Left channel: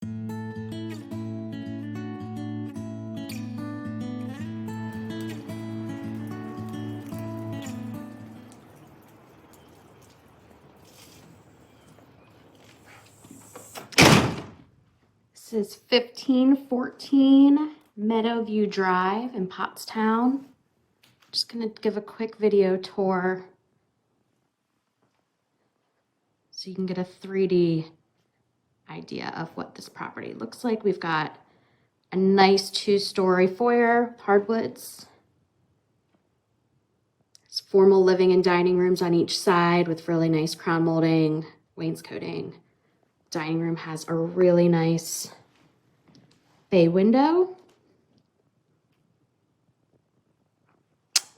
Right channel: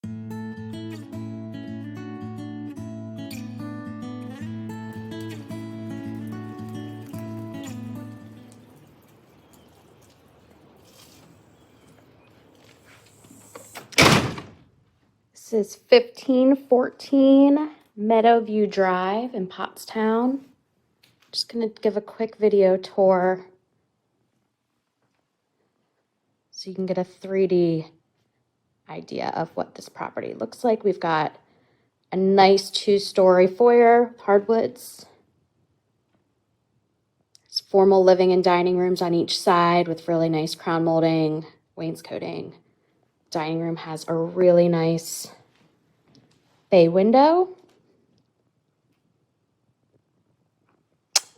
This is 1514 Meadowview Drive in Pottstown. Just gonna give a quick video tour so you can get a 3D idea of what this property looks like. We've got a nice 2-story foyer, hardwoods. It's formal living and dining rooms on each side with really nice crown molding, wainscoting. Dining room has a really nice bay window.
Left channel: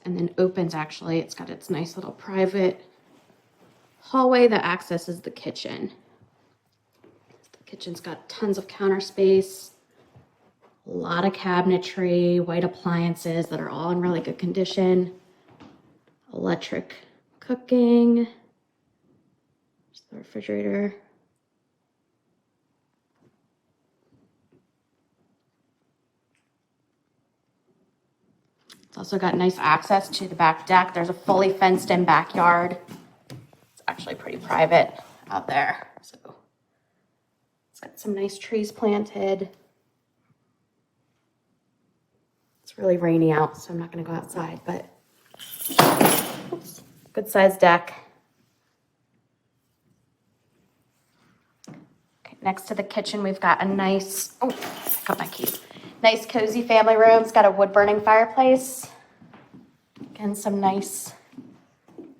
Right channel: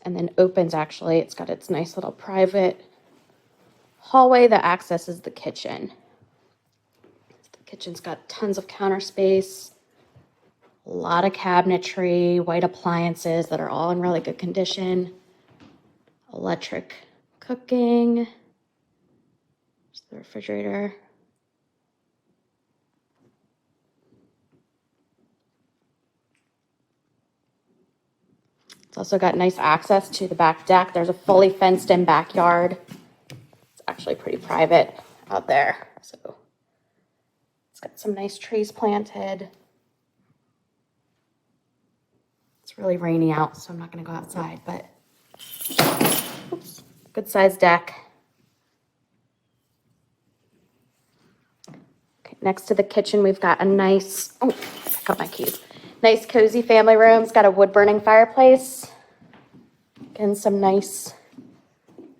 And then opens, actually. It's got its nice little private hallway that accesses the kitchen. The kitchen's got tons of counter space, a lot of cabinetry, white appliances that are all in really good condition. Electric cooking. There's the refrigerator. It's also got nice access to the back deck. There's a fully fenced in backyard. It's actually pretty private out there. So it's got some nice trees planted. It's really rainy out, so I'm not gonna go outside, but good sized deck. Okay, next to the kitchen, we've got a nice, oh, got my keys. Nice cozy family room. It's got a wood burning fireplace. Again, some nice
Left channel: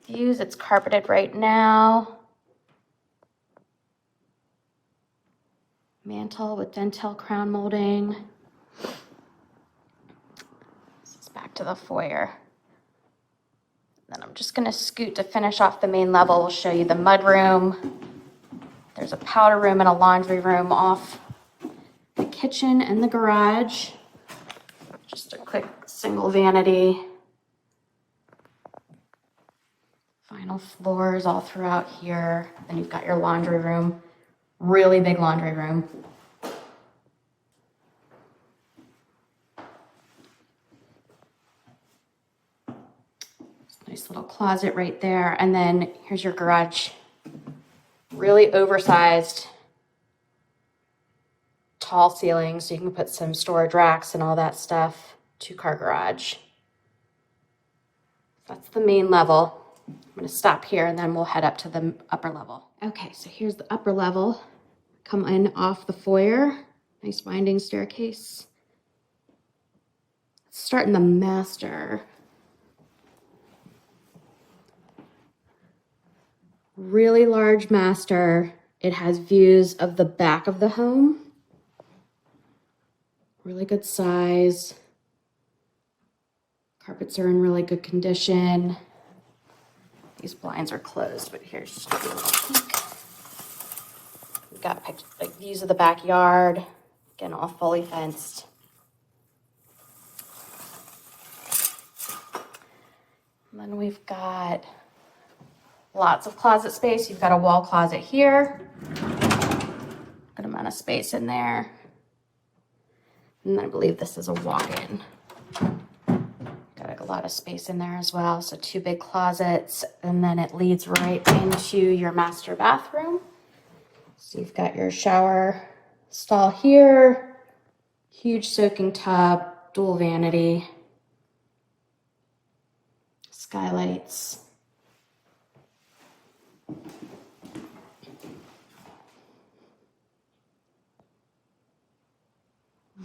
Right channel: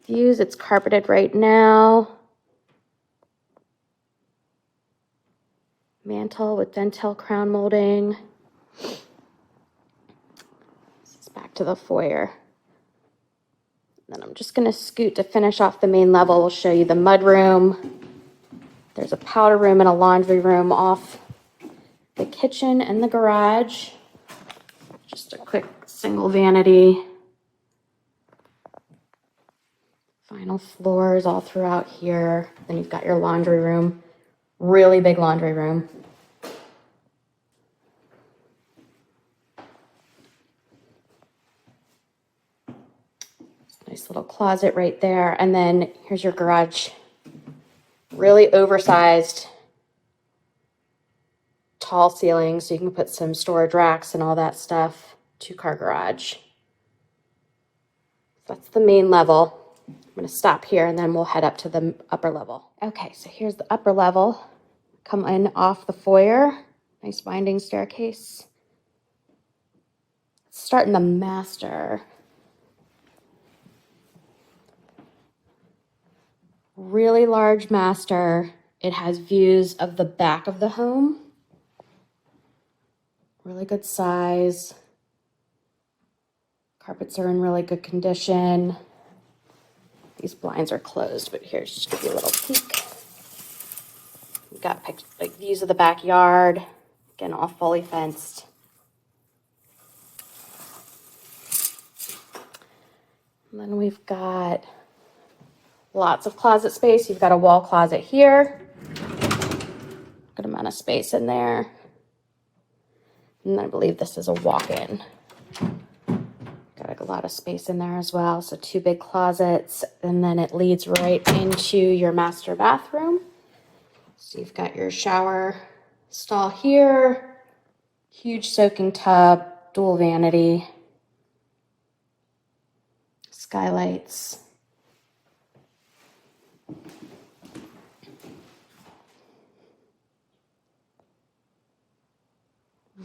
views. It's carpeted right now. Mantle with dentil crown molding. This is back to the foyer. Then I'm just gonna scoot to finish off the main level. We'll show you the mud room. There's a powder room and a laundry room off the kitchen and the garage. Just a quick single vanity. Vinyl floors all throughout here. Then you've got your laundry room. Really big laundry room. Nice little closet right there. And then here's your garage. Really oversized, tall ceilings, so you can put some storage racks and all that stuff. 2-car garage. That's the main level. I'm going to stop here and then we'll head up to the upper level. Okay, so here's the upper level. Come in off the foyer. Nice winding staircase. Start in the master. Really large master. It has views of the back of the home. Really good size. Carpets are in really good condition. These blinds are closed, but here's just give you a little peek. We've got big views of the backyard. Again, all fully fenced. And then we've got lots of closet space. You've got a wall closet here. Good amount of space in there. And I believe this is a walk-in. Got a lot of space in there as well. So 2 big closets, and then it leads right into your master bathroom. So you've got your shower stall here, huge soaking tub, dual vanity, skylights.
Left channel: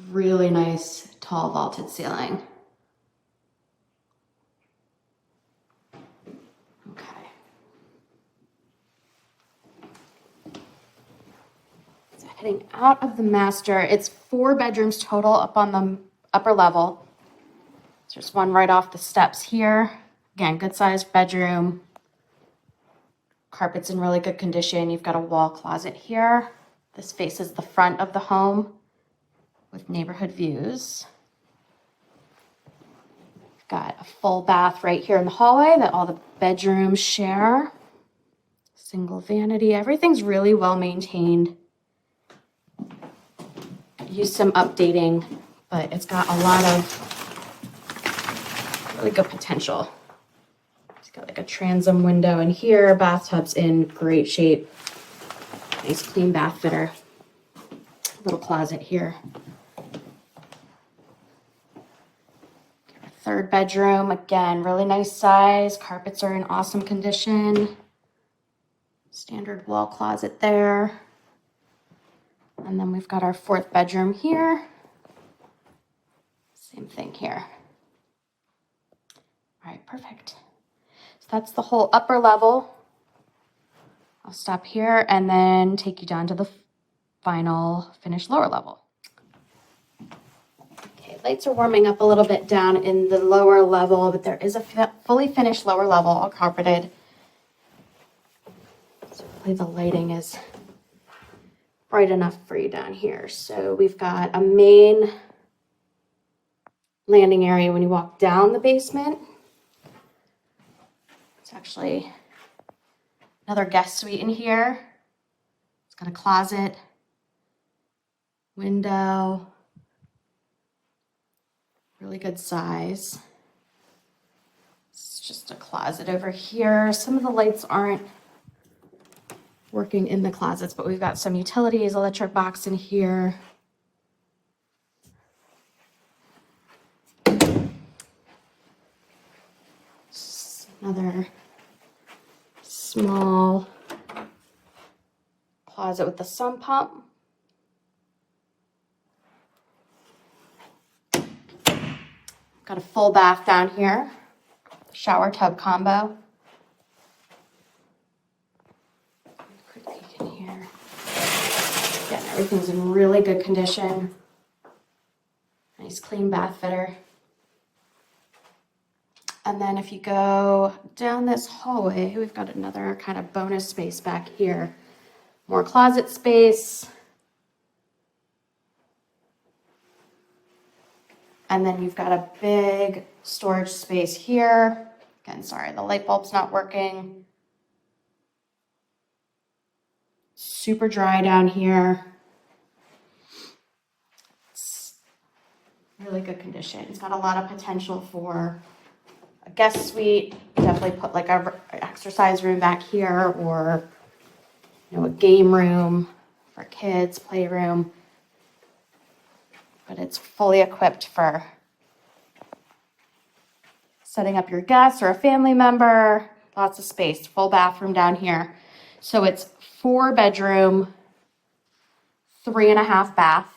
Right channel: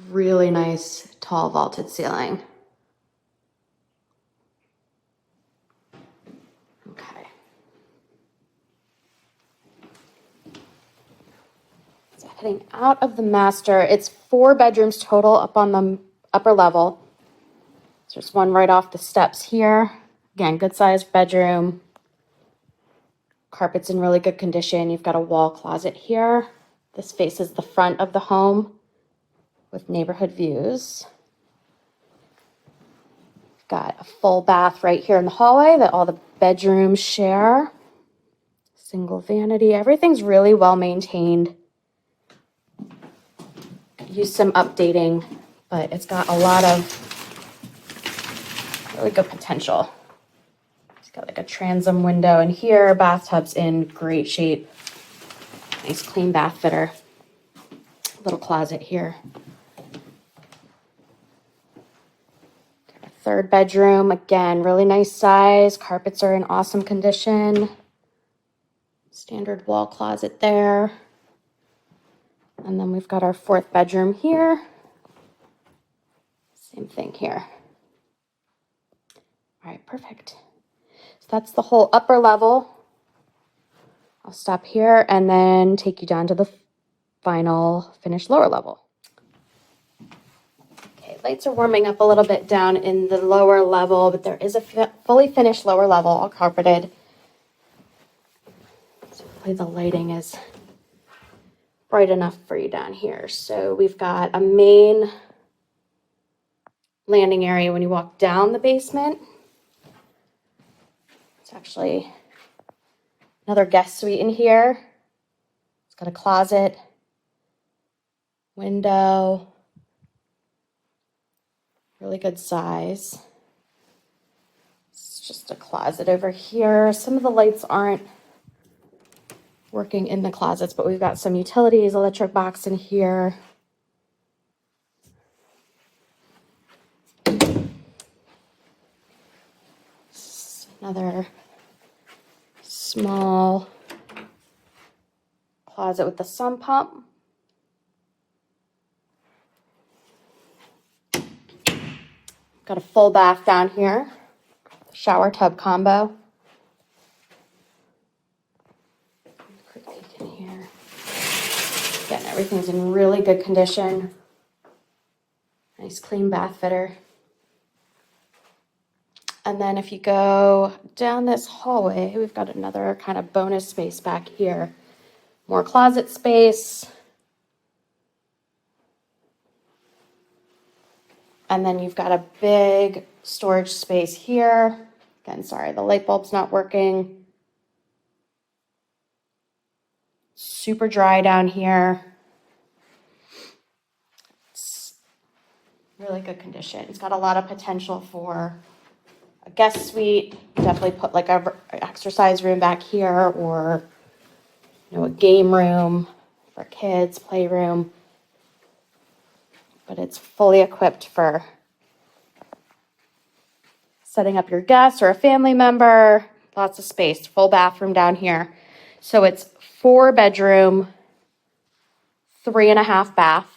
Really nice tall vaulted ceiling. Okay. So heading out of the master, it's 4 bedrooms total up on the upper level. There's one right off the steps here. Again, good sized bedroom. Carpet's in really good condition. You've got a wall closet here. This faces the front of the home with neighborhood views. Got a full bath right here in the hallway that all the bedrooms share. Single vanity. Everything's really well maintained. use some updating, but it's got a lot of really good potential. It's got like a transom window in here. Bathtub's in great shape. Nice clean bath fitter. Little closet here. Third bedroom, again, really nice size. Carpets are in awesome condition. Standard wall closet there. And then we've got our fourth bedroom here. Same thing here. All right, perfect. So that's the whole upper level. I'll stop here and then take you down to the final finished lower level. Okay, lights are warming up a little bit down in the lower level, but there is a fully finished lower level, all carpeted. So hopefully the lighting is bright enough for you down here. So we've got a main landing area when you walk down the basement. It's actually another guest suite in here. It's got a closet, window, really good size. It's just a closet over here. Some of the lights aren't working in the closets, but we've got some utilities, electric box in here. Another small closet with the sun pump. Got a full bath down here. Shower tub combo. Quick peek in here. Again, everything's in really good condition. Nice clean bath fitter. And then if you go down this hallway, we've got another kind of bonus space back here. More closet space. And then you've got a big storage space here. Again, sorry, the light bulb's not working. Super dry down here. It's really good condition. It's got a lot of potential for a guest suite. Definitely put like an exercise room back here, or a game room for kids, playroom. But it's fully equipped for setting up your guests or a family member. Lots of space, full bathroom down here. So it's 4 bedroom, 3.5 bath.